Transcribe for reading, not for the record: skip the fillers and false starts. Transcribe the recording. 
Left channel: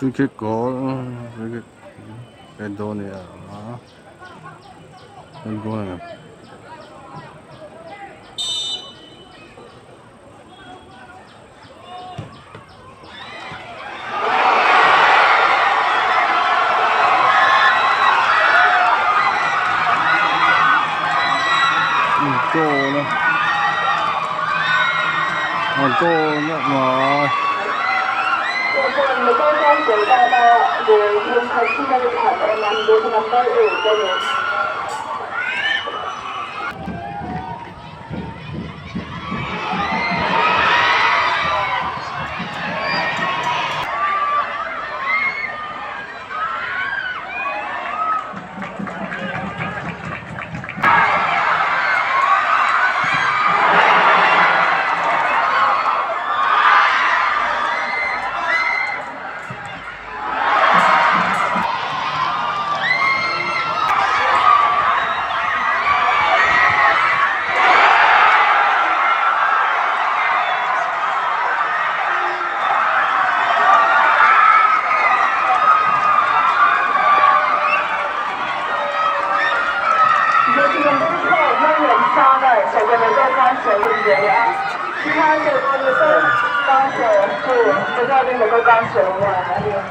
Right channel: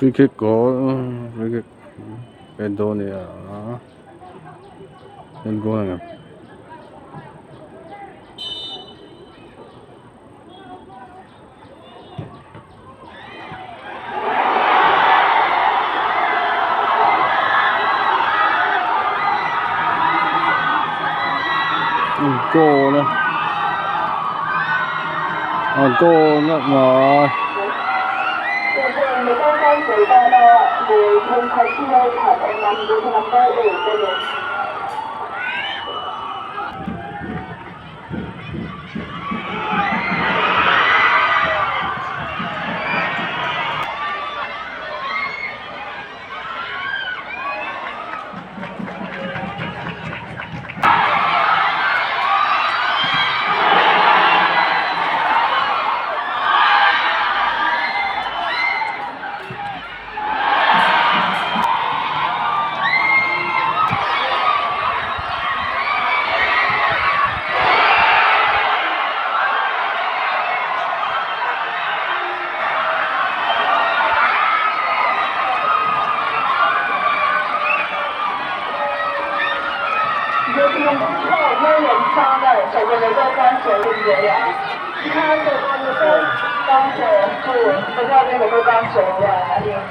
Free kick goal, free kick. Red goal niya. Red goal na nga. Goal na. Goal na mà. 你剛剛做到了會用佢先去投嘅number 8嘅人。手个能够刚写对不对呀？其他这个你分刚写不，不知道你能够刚写完。